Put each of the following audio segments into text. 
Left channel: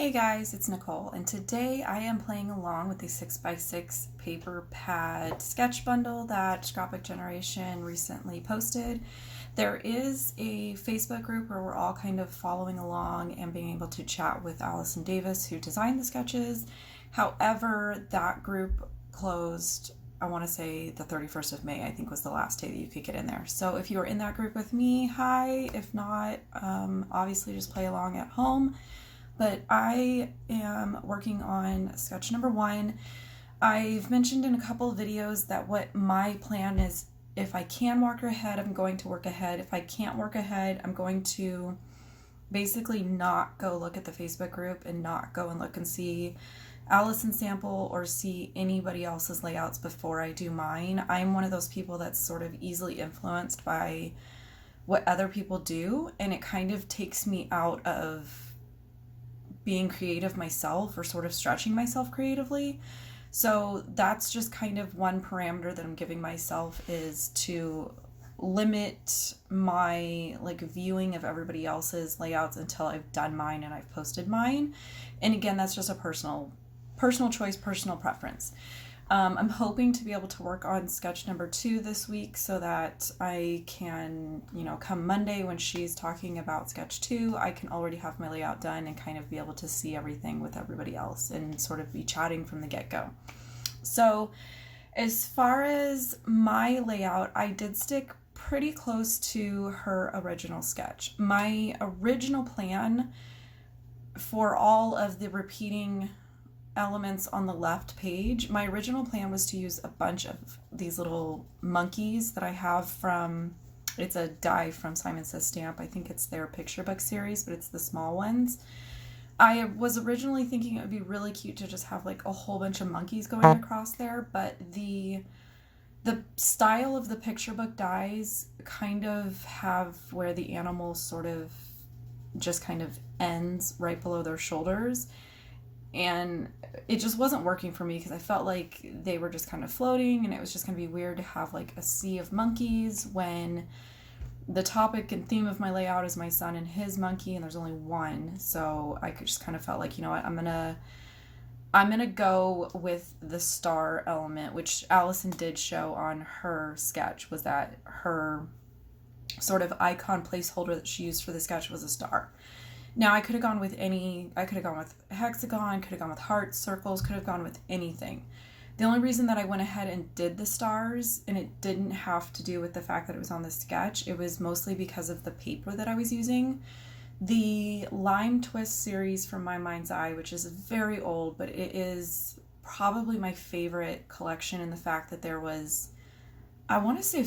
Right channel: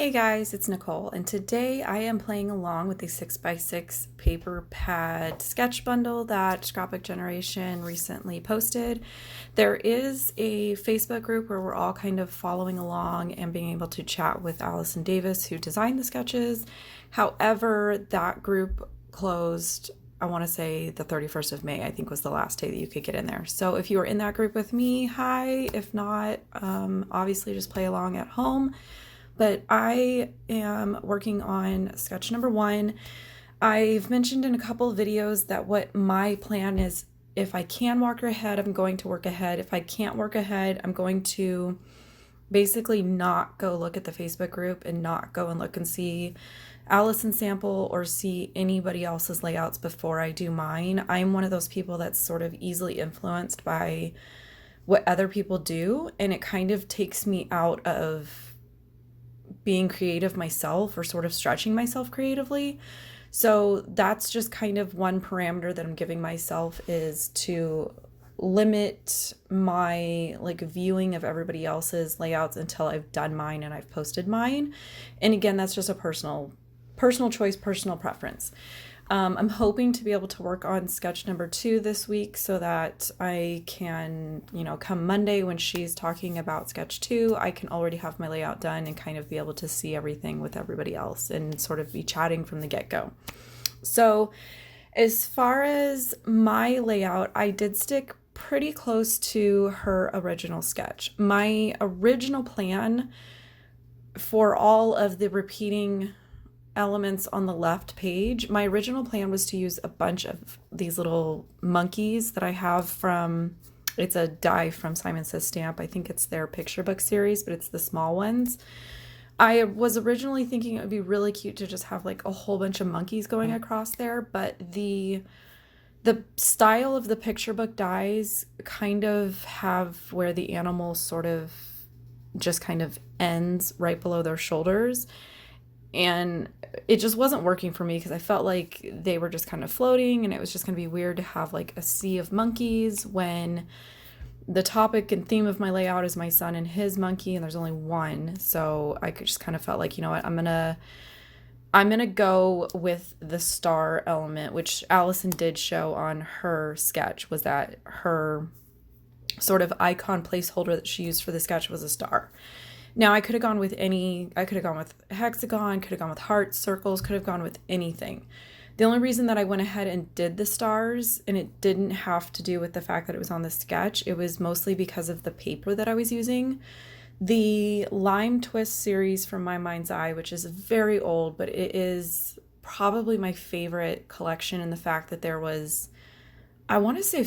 Hey guys, it's Nicole, and today I am playing along with the 6x6 paper pad sketch bundle that Scrapbook Generation recently posted. There is a Facebook group where we're all kind of following along and being able to chat with Allison Davis, who designed the sketches. However, that group closed, I want to say the 31st of May, I think was the last day that you could get in there. So if you are in that group with me, hi. If not, obviously just play along at home. But I am working on sketch number 1. I've mentioned in a couple of videos that what my plan is, if I can work ahead, I'm going to work ahead. If I can't work ahead, I'm going to basically not go look at the Facebook group and not go and look and see Allison's sample or see anybody else's layouts before I do mine. I'm one of those people that's sort of easily influenced by what other people do, and it kind of takes me out of being creative myself or sort of stretching myself creatively. So that's just kind of one parameter that I'm giving myself, is to limit my viewing of everybody else's layouts until I've done mine and I've posted mine. And again, that's just a personal choice, personal preference. I'm hoping to be able to work on sketch number 2 this week so that I can, come Monday when she's talking about sketch 2, I can already have my layout done and kind of be able to see everything with everybody else and sort of be chatting from the get-go. So as far as my layout, I did stick pretty close to her original sketch. My original plan for all of the repeating elements on the left page, my original plan was to use a bunch of these little monkeys that I have from, it's a die from Simon Says Stamp. I think it's their picture book series, but it's the small ones. I was originally thinking it would be really cute to just have a whole bunch of monkeys going across there, but the style of the picture book dies kind of have where the animal sort of just kind of ends right below their shoulders. And it just wasn't working for me because I felt like they were just kind of floating, and it was just going to be weird to have a sea of monkeys when the topic and theme of my layout is my son and his monkey, and there's only one. So I just kind of felt like, you know what, I'm gonna go with the star element, which Allison did show on her sketch, was that her sort of icon placeholder that she used for the sketch was a star. Now, I could have gone with hexagon, could have gone with hearts, circles, could have gone with anything. The only reason that I went ahead and did the stars, and it didn't have to do with the fact that it was on the sketch, it was mostly because of the paper that I was using. The Lime Twist series from My Mind's Eye, which is very old, but it is probably my favorite collection in the fact that there was, I want to say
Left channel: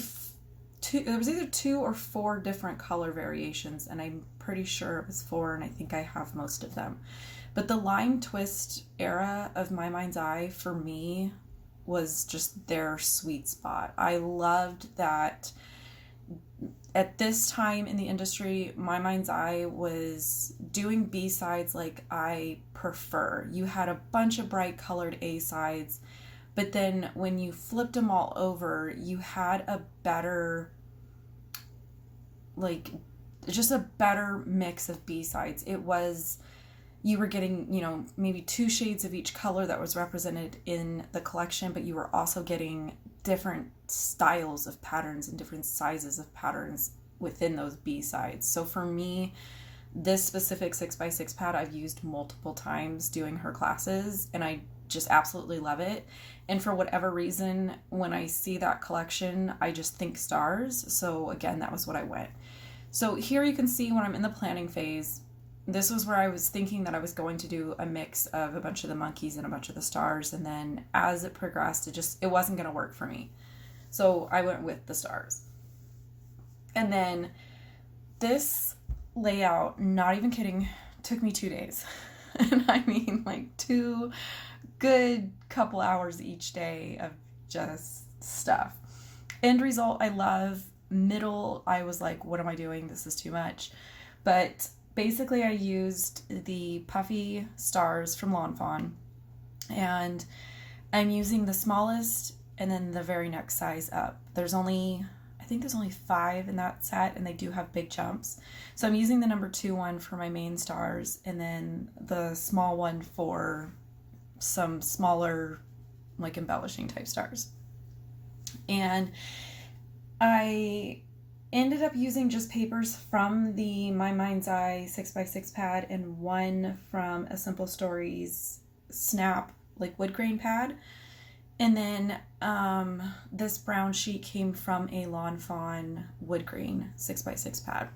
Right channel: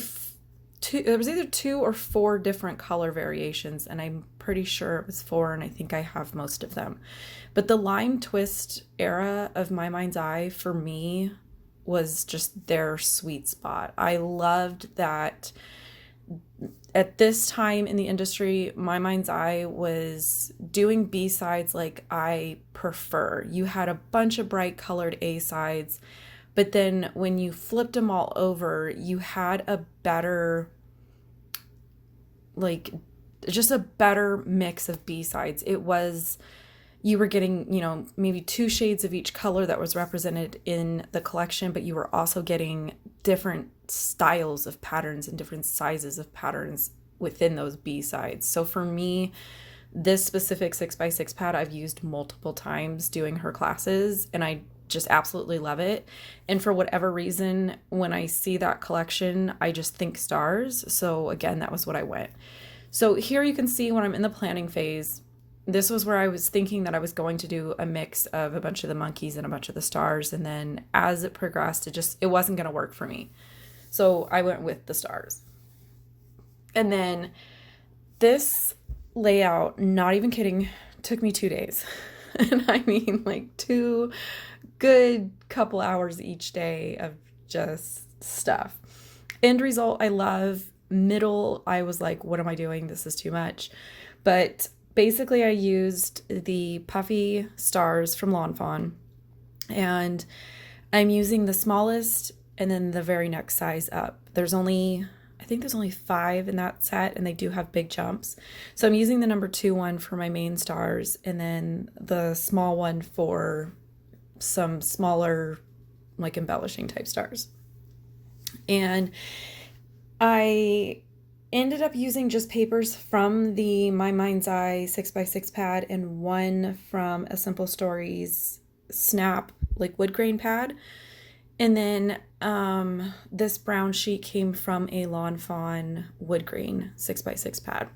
there was either 2 or 4 different color variations, and I'm pretty sure it was 4, and I think I have most of them. But the Lime Twist era of My Mind's Eye for me was just their sweet spot. I loved that at this time in the industry, My Mind's Eye was doing B-sides like I prefer. You had a bunch of bright colored A-sides, but then when you flipped them all over, you had a better, just a better mix of B-sides. It was, you were getting, maybe 2 shades of each color that was represented in the collection, but you were also getting different styles of patterns and different sizes of patterns within those B-sides. So for me, this specific 6x6 pad I've used multiple times doing her classes, and I just absolutely love it. And for whatever reason, when I see that collection, I just think stars. So again, that was what I went. So here you can see when I'm in the planning phase, this was where I was thinking that I was going to do a mix of a bunch of the monkeys and a bunch of the stars. And then as it progressed, it wasn't going to work for me. So I went with the stars. And then this layout, not even kidding, took me 2 days. And I mean 2 good couple hours each day of just stuff. End result, I love. Middle, I was like, what am I doing? This is too much. But basically I used the puffy stars from Lawn Fawn, and I'm using the smallest and then the very next size up. There's only, I think there's only 5 in that set, and they do have big jumps. So I'm using the number 2 one for my main stars, and then the small one for some smaller, like embellishing type stars. And I ended up using just papers from the My Mind's Eye 6x6 pad and one from A Simple Stories Snap, like wood grain pad. And then this brown sheet came from a Lawn Fawn wood grain 6x6 pad.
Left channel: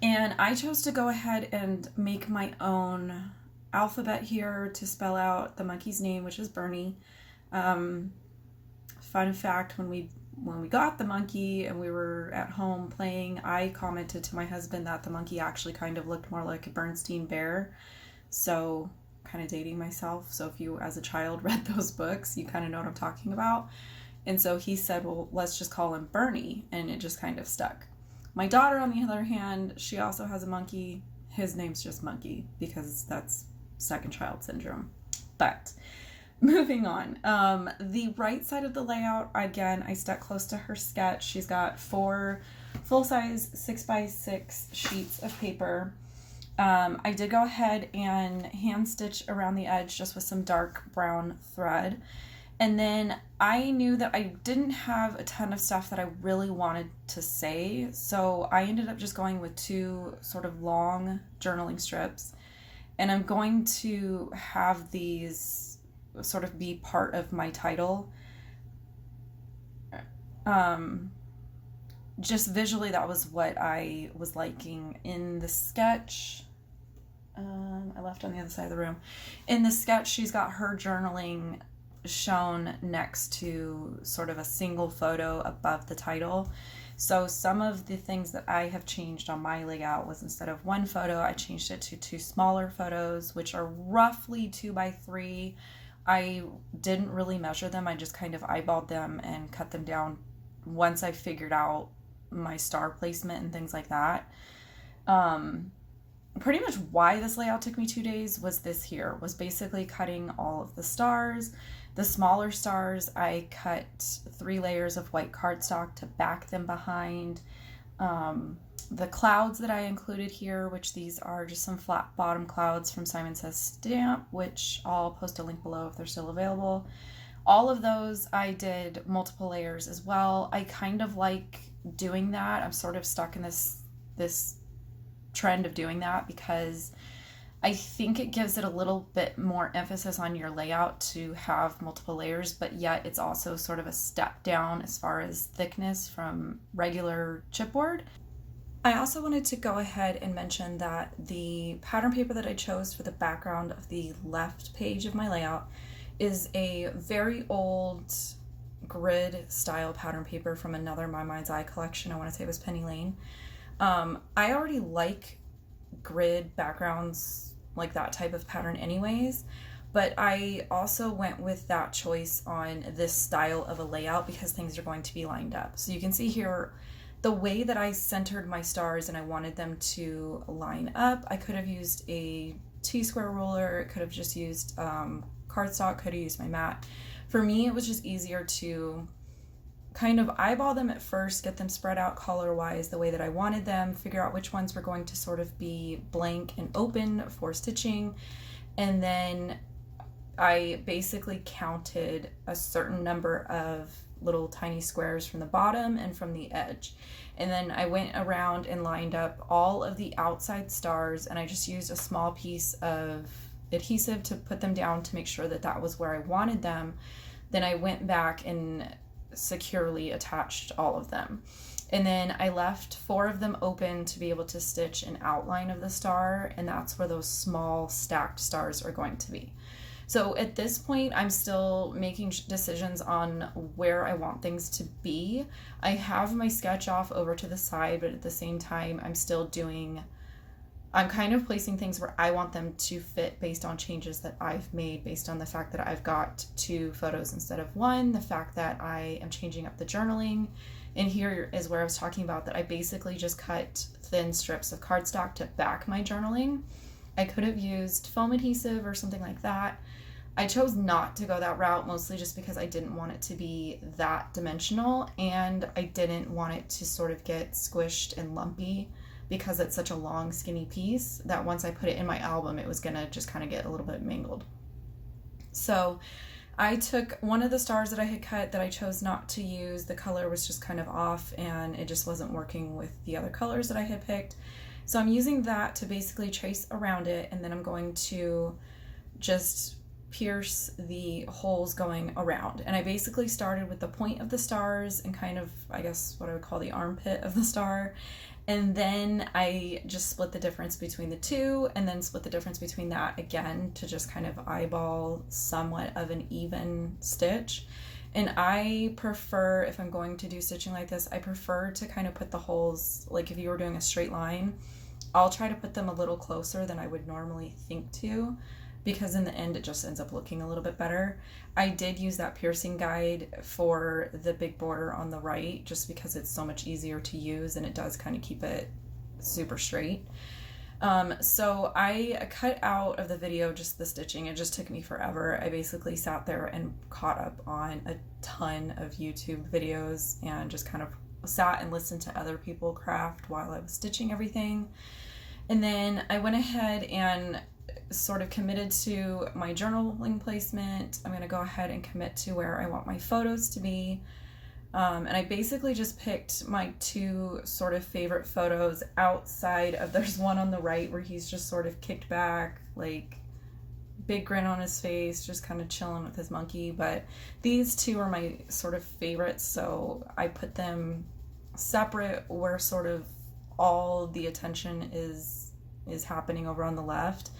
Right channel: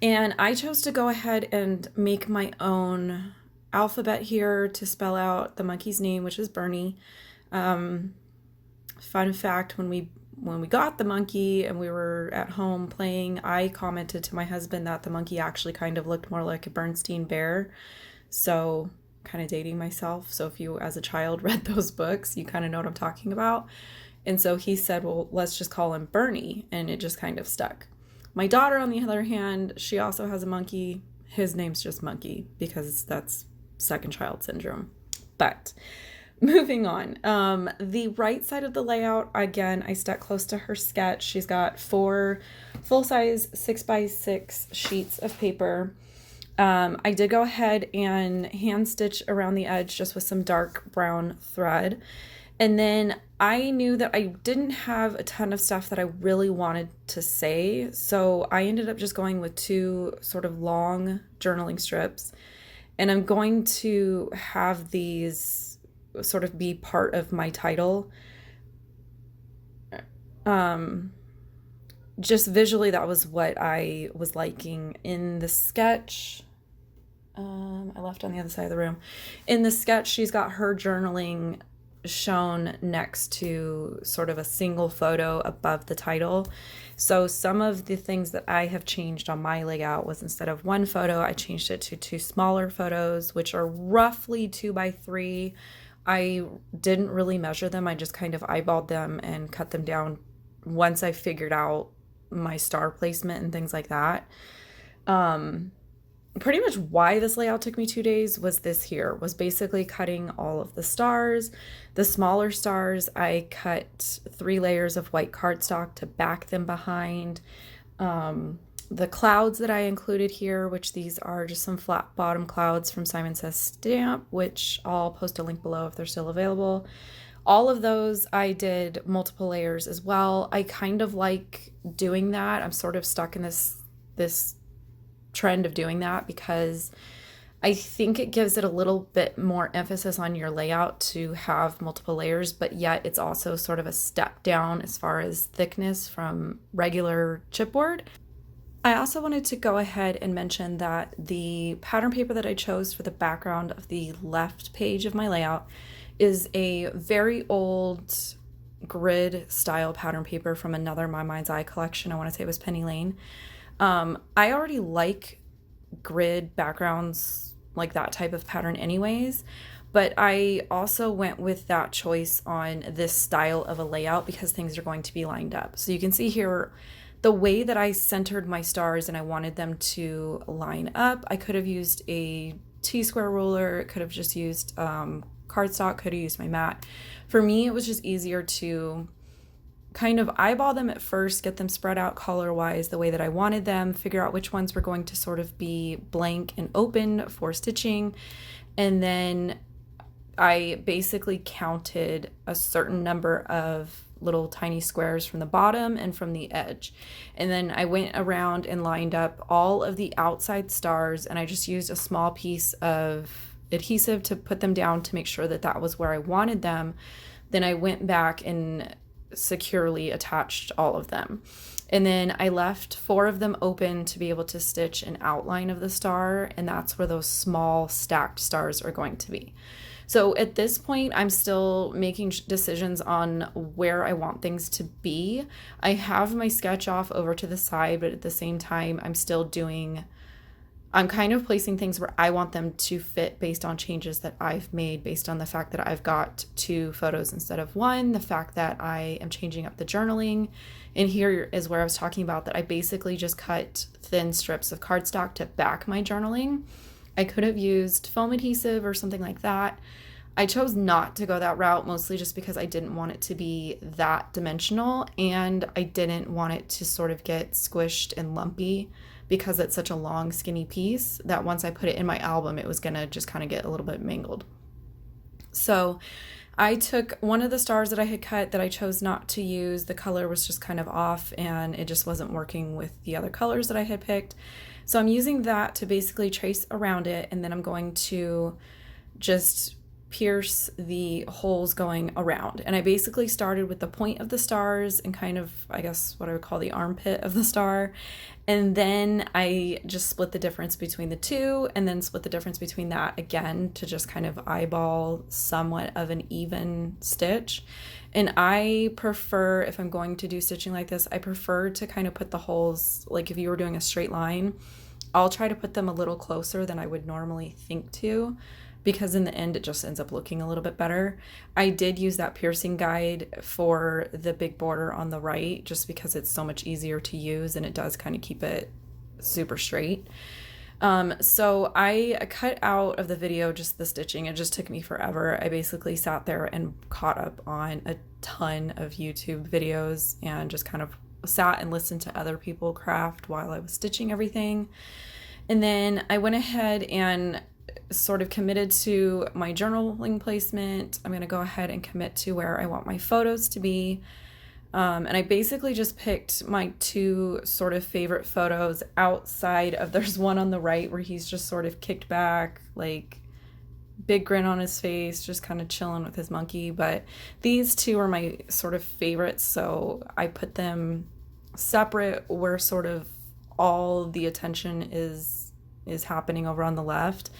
And I chose to go ahead and make my own alphabet here to spell out the monkey's name, which is Bernie. Fun fact, when we got the monkey and we were at home playing, I commented to my husband that the monkey actually kind of looked more like a Bernstein bear. So kind of dating myself. So if you as a child read those books, you kind of know what I'm talking about. And so he said, well, let's just call him Bernie. And it just kind of stuck. My daughter, on the other hand, she also has a monkey. His name's just Monkey because that's second child syndrome. But moving on, the right side of the layout, again, I stuck close to her sketch. She's got 4 full-size 6x6 sheets of paper. I did go ahead and hand stitch around the edge just with some dark brown thread. And then I knew that I didn't have a ton of stuff that I really wanted to say, so I ended up just going with 2 sort of long journaling strips. And I'm going to have these sort of be part of my title. Just visually, that was what I was liking in the sketch. I left on the other side of the room. In the sketch, she's got her journaling shown next to sort of a single photo above the title. So some of the things that I have changed on my layout was, instead of 1 photo, I changed it to 2 smaller photos, which are roughly 2x3. I didn't really measure them. I just kind of eyeballed them and cut them down once I figured out my star placement and things like that. Pretty much why this layout took me 2 days was basically cutting all of the stars. The smaller stars, I cut 3 layers of white cardstock to back them behind. The clouds that I included here, which these are just some flat bottom clouds from Simon Says Stamp, which I'll post a link below if they're still available. All of those I did multiple layers as well. I kind of like doing that. I'm sort of stuck in this trend of doing that because I think it gives it a little bit more emphasis on your layout to have multiple layers, but yet it's also sort of a step down as far as thickness from regular chipboard. I also wanted to go ahead and mention that the pattern paper that I chose for the background of the left page of my layout is a very old grid style pattern paper from another My Mind's Eye collection. I want to say it was Penny Lane. I already like grid backgrounds, like that type of pattern anyways, but I also went with that choice on this style of a layout because things are going to be lined up. So you can see here the way that I centered my stars and I wanted them to line up. I could have used a T-square ruler, could have just used cardstock, could have used my mat. For me, it was just easier to kind of eyeball them at first, get them spread out color-wise the way that I wanted them, figure out which ones were going to sort of be blank and open for stitching, and then I basically counted a certain number of little tiny squares from the bottom and from the edge. And then I went around and lined up all of the outside stars, and I just used a small piece of adhesive to put them down to make sure that that was where I wanted them. Then I went back and securely attached all of them. And then I left 4 of them open to be able to stitch an outline of the star, and that's where those small stacked stars are going to be. So at this point, I'm still making decisions on where I want things to be. I have my sketch off over to the side, but at the same time, I'm kind of placing things where I want them to fit based on changes that I've made, based on the fact that I've got 2 photos instead of 1, the fact that I am changing up the journaling. And here is where I was talking about that I basically just cut thin strips of cardstock to back my journaling. I could have used foam adhesive or something like that. I chose not to go that route, mostly just because I didn't want it to be that dimensional, and I didn't want it to sort of get squished and lumpy because it's such a long, skinny piece that once I put it in my album, it was gonna just kind of get a little bit mangled. So I took one of the stars that I had cut that I chose not to use. The color was just kind of off and it just wasn't working with the other colors that I had picked. So I'm using that to basically trace around it, and then I'm going to just pierce the holes going around. And I basically started with the point of the stars and kind of, I guess, what I would call the armpit of the star. And then I just split the difference between the two, and then split the difference between that again to just kind of eyeball somewhat of an even stitch. And I prefer, if I'm going to do stitching like this, I prefer to kind of put the holes, like if you were doing a straight line, I'll try to put them a little closer than I would normally think to, because in the end it just ends up looking a little bit better. I did use that piercing guide for the big border on the right just because it's so much easier to use and it does kind of keep it super straight. So I cut out of the video just the stitching. It just took me forever. I basically sat there and caught up on a ton of YouTube videos and just kind of sat and listened to other people craft while I was stitching everything. And then I went ahead and sort of committed to my journaling placement. I'm going to go ahead and commit to where I want my photos to be. And I basically just picked my two sort of favorite photos outside of, there's one on the right where he's just sort of kicked back, like big grin on his face, just kind of chilling with his monkey. But these two are my sort of favorites, so I put them separate where sort of all the attention is happening over on the left.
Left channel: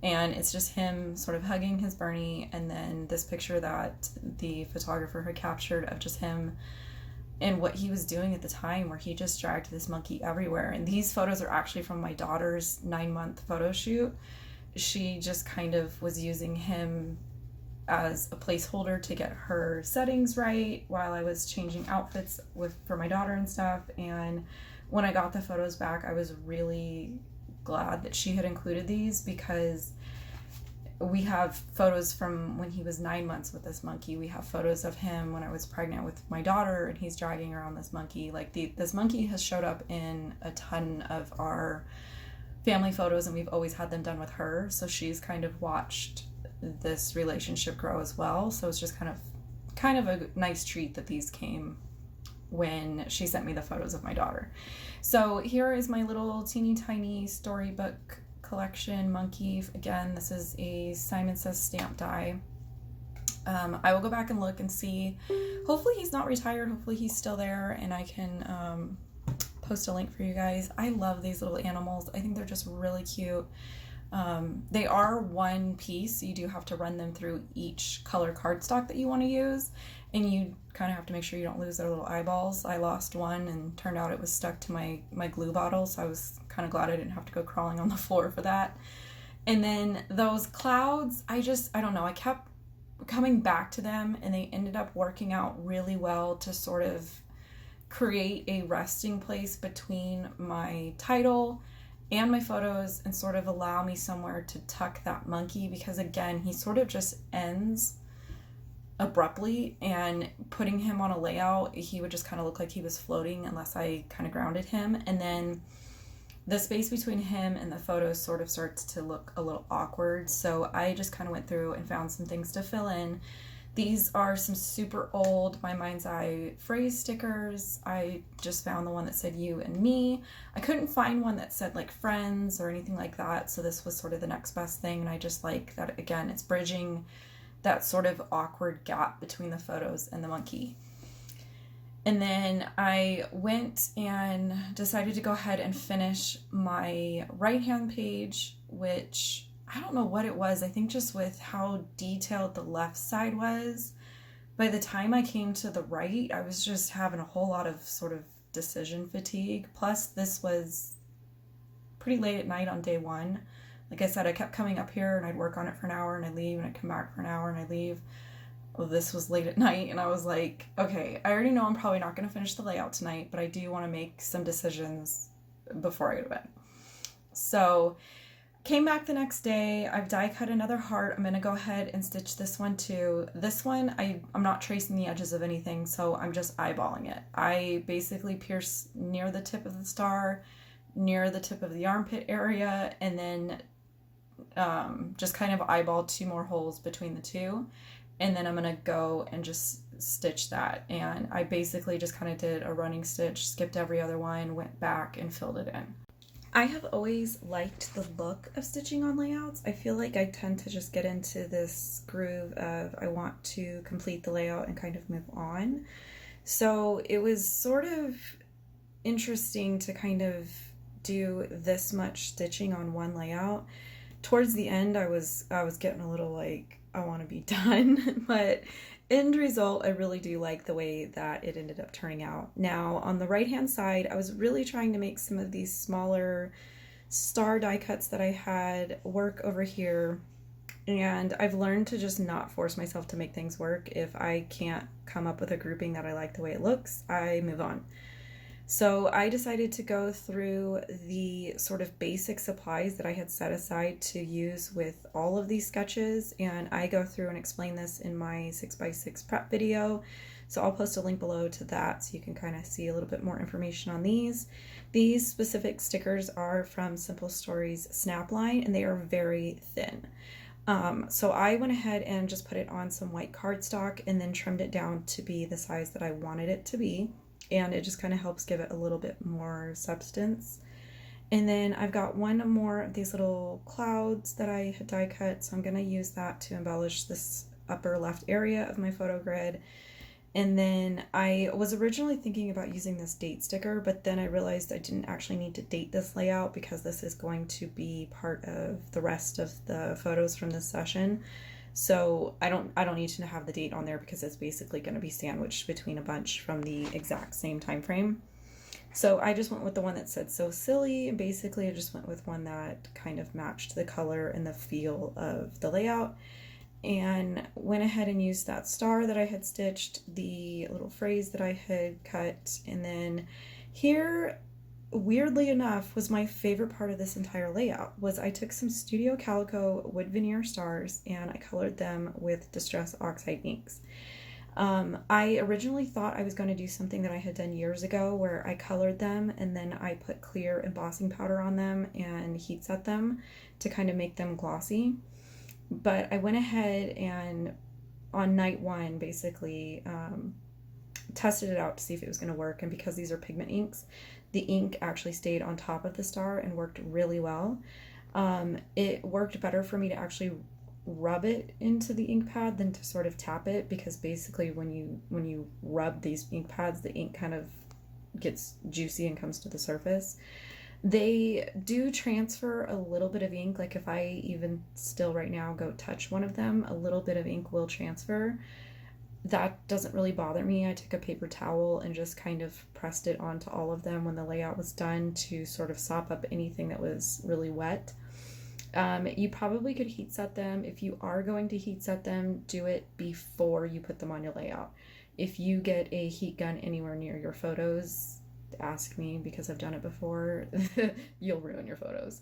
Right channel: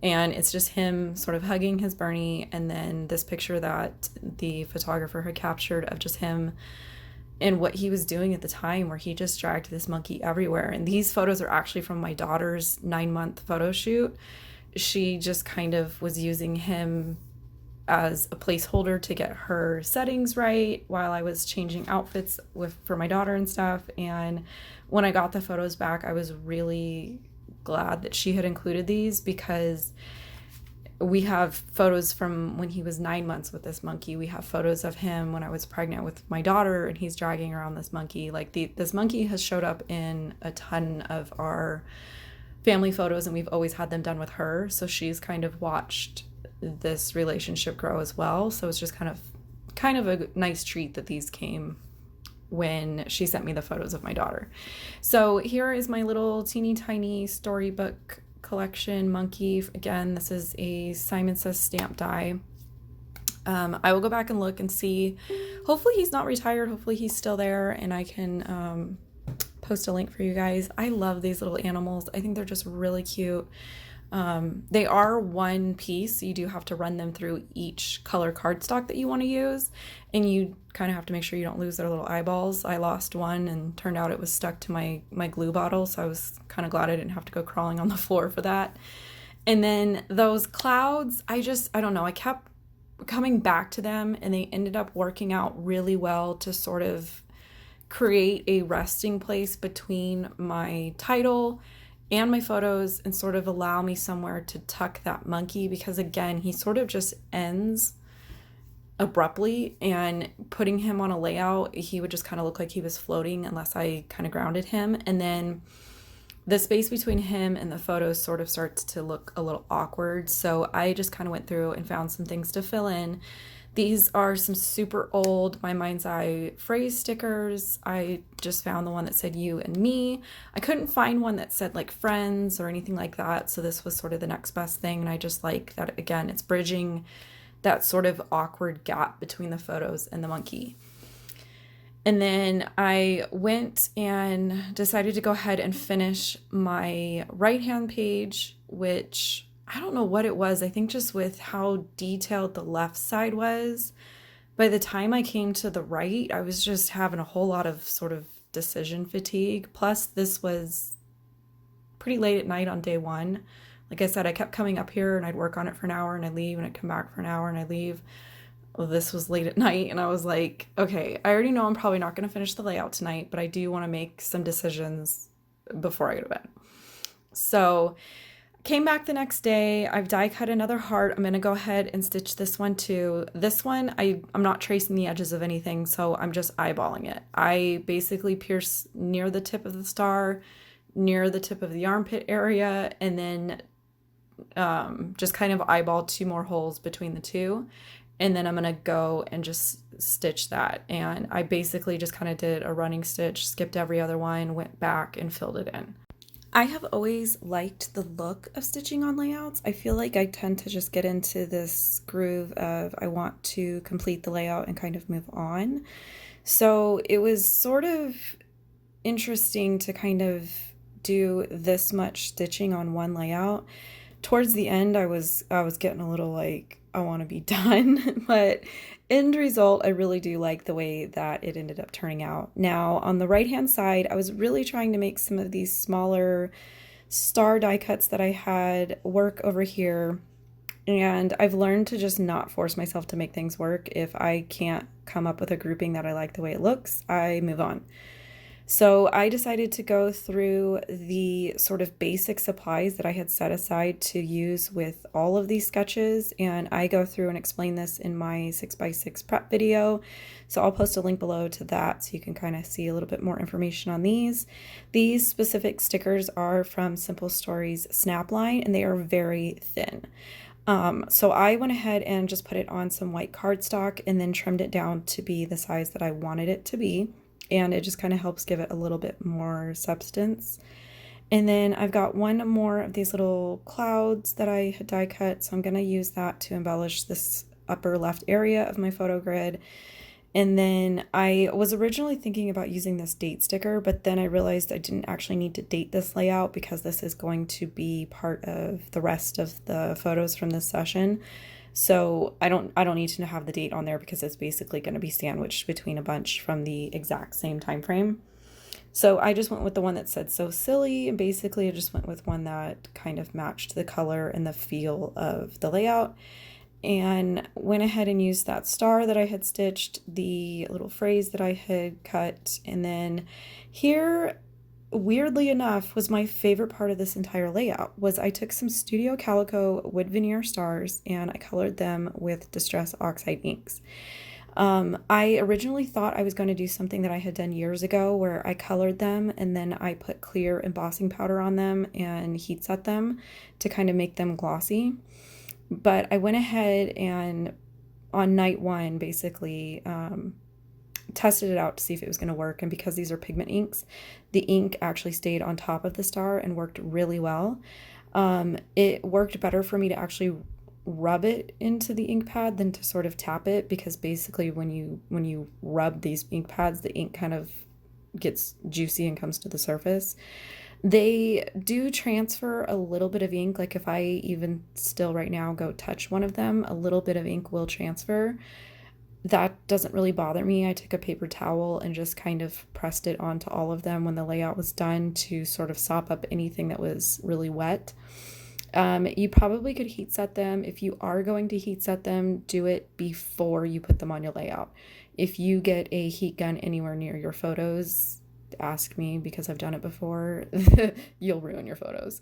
And it's just him sort of hugging his Bernie, and then this picture that the photographer had captured of just him and what he was doing at the time, where he just dragged this monkey everywhere. And these photos are actually from my daughter's 9-month photo shoot. She just kind of was using him as a placeholder to get her settings right while I was changing outfits for my daughter and stuff. And when I got the photos back, I was really glad that she had included these, because we have photos from when he was 9 months with this monkey. We have photos of him when I was pregnant with my daughter and he's dragging around this monkey. Like this monkey has showed up in a ton of our family photos, and we've always had them done with her, so she's kind of watched this relationship grow as well. So it's just kind of a nice treat that these came when she sent me the photos of my daughter. So here is my little teeny tiny storybook collection monkey. Again, this is a Simon Says stamp die. I will go back and look and see. Hopefully he's not retired. Hopefully he's still there, and I can post a link for you guys. I love these little animals. I think they're just really cute. They are one piece, so you do have to run them through each color cardstock that you want to use, and you kind of have to make sure you don't lose their little eyeballs. I lost one and turned out it was stuck to my glue bottle, so I was kind of glad I didn't have to go crawling on the floor for that. And then those clouds, I don't know, I kept coming back to them, and they ended up working out really well to sort of create a resting place between my title and my photos, and sort of allow me somewhere to tuck that monkey, because again, he sort of just ends abruptly, and putting him on a layout, he would just kind of look like he was floating unless I kind of grounded him. And then the space between him and the photos sort of starts to look a little awkward, so I just kind of went through and found some things to fill in. These are some super old My Mind's Eye phrase stickers. I just found the one that said you and me. I couldn't find one that said like friends or anything like that, so this was sort of the next best thing. And I just like that, again, it's bridging that sort of awkward gap between the photos and the monkey. And then I went and decided to go ahead and finish my right-hand page, which I don't know what it was. I think just with how detailed the left side was, by the time I came to the right, I was just having a whole lot of sort of decision fatigue. Plus, this was pretty late at night on day one. Like I said, I kept coming up here and I'd work on it for an hour and I'd leave, and I'd come back for an hour and I'd leave. Well, this was late at night, and I was like, okay, I already know I'm probably not going to finish the layout tonight, but I do want to make some decisions before I go to bed. So Came back the next day. I've die cut another heart. I'm gonna go ahead and stitch this one too. This one, I'm not tracing the edges of anything, so I'm just eyeballing it. I basically pierce near the tip of the star, near the tip of the armpit area, and then just kind of eyeball 2 more holes between the two. And then I'm gonna go and just stitch that. And I basically just kind of did a running stitch, skipped every other one, went back and filled it in. I have always liked the look of stitching on layouts. I feel like I tend to just get into this groove of I want to complete the layout and kind of move on. So it was sort of interesting to kind of do this much stitching on one layout. Towards the end, I was getting a little like, I want to be done, but end result, I really do like the way that it ended up turning out. Now, on the right-hand side, I was really trying to make some of these smaller star die cuts that I had work over here, and I've learned to just not force myself to make things work. If I can't come up with a grouping that I like the way it looks, I move on. So I decided to go through the sort of basic supplies that I had set aside to use with all of these sketches, and I go through and explain this in my 6x6 prep video. So I'll post a link below to that so you can kind of see a little bit more information on these. These specific stickers are from Simple Stories Snapline, and they are very thin. So I went ahead and just put it on some white cardstock and then trimmed it down to be the size that I wanted it to be. And it just kind of helps give it a little bit more substance. And then I've got one more of these little clouds that I had die cut, so I'm going to use that to embellish this upper left area of my photo grid. And then I was originally thinking about using this date sticker, but then I realized I didn't actually need to date this layout because this is going to be part of the rest of the photos from this session. So I don't need to have the date on there because it's basically going to be sandwiched between a bunch from the exact same time frame. So I just went with the one that said "So Silly," and basically I just went with one that kind of matched the color and the feel of the layout, and went ahead and used that star that I had stitched, the little phrase that I had cut, and then here, weirdly enough, was my favorite part of this entire layout. Was I took some Studio Calico wood veneer stars and I colored them with Distress Oxide inks. I originally thought I was going to do something that I had done years ago where I colored them and then I put clear embossing powder on them and heat set them to kind of make them glossy. But I went ahead and on night one basically tested it out to see if it was going to work, and because these are pigment inks, the ink actually stayed on top of the star and worked really well. It worked better for me to actually rub it into the ink pad than to sort of tap it, because basically when you rub these ink pads, the ink kind of gets juicy and comes to the surface. They do transfer a little bit of ink, like if I even still right now go touch one of them, a little bit of ink will transfer. That doesn't really bother me. I took a paper towel and just kind of pressed it onto all of them when the layout was done to sort of sop up anything that was really wet. You probably could heat set them. If you are going to heat set them, do it before you put them on your layout. If you get a heat gun anywhere near your photos, ask me because I've done it before. You'll ruin your photos.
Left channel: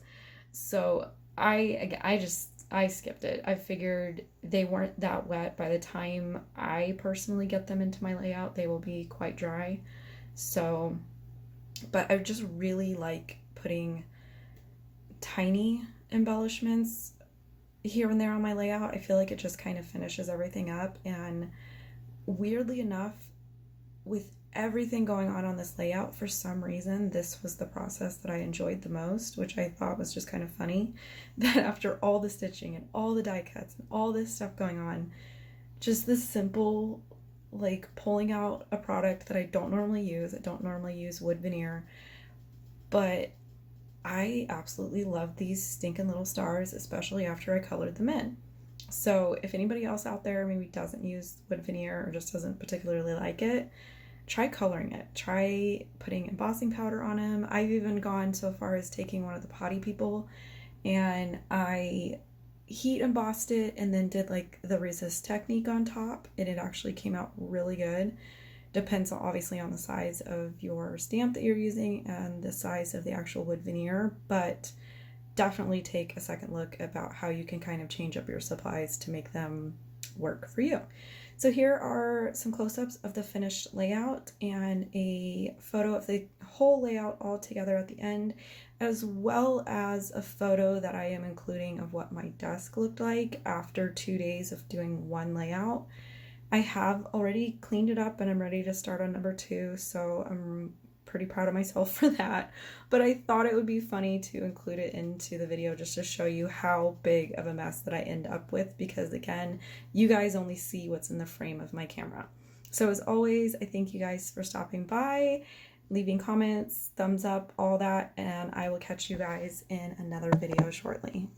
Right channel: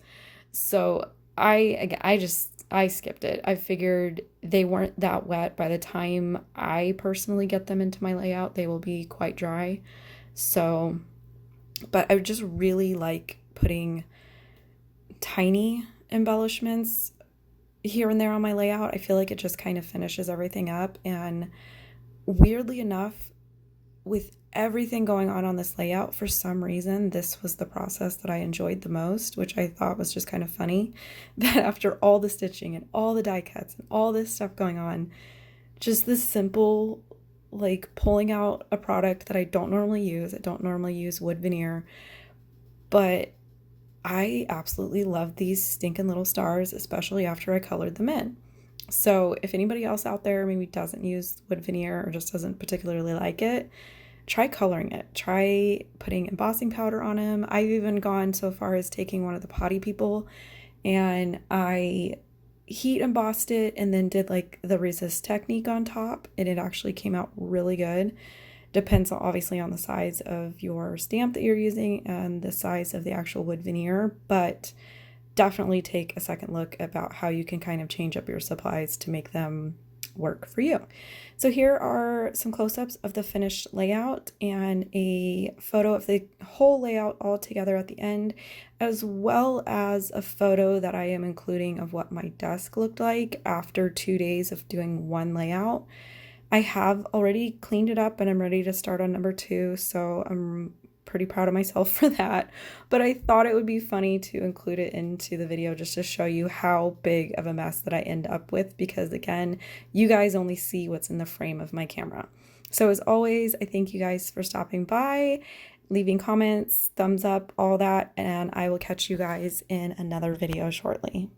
So I skipped it. I figured they weren't that wet. By the time I personally get them into my layout, they will be quite dry. So, but I just really like putting tiny embellishments here and there on my layout. I feel like it just kind of finishes everything up. And weirdly enough, with everything going on this layout, for some reason this was the process that I enjoyed the most, which I thought was just kind of funny, that after all the stitching and all the die cuts and all this stuff going on, just this simple like pulling out a product that I don't normally use. I don't normally use wood veneer, but I absolutely love these stinking little stars, especially after I colored them in. So if anybody else out there maybe doesn't use wood veneer or just doesn't particularly like it, try coloring it. Try putting embossing powder on them. I've even gone so far as taking one of the potty people and I heat embossed it and then did like the resist technique on top, and it actually came out really good. Depends obviously on the size of your stamp that you're using and the size of the actual wood veneer, but definitely take a second look about how you can kind of change up your supplies to make them work for you. So here are some close-ups of the finished layout and a photo of the whole layout all together at the end, as well as a photo that I am including of what my desk looked like after 2 days of doing one layout. I have already cleaned it up and I'm ready to start on number 2, so I'm pretty proud of myself for that. But I thought it would be funny to include it into the video just to show you how big of a mess that I end up with, because again, you guys only see what's in the frame of my camera. So as always, I thank you guys for stopping by, leaving comments, thumbs up, all that, and I will catch you guys in another video shortly.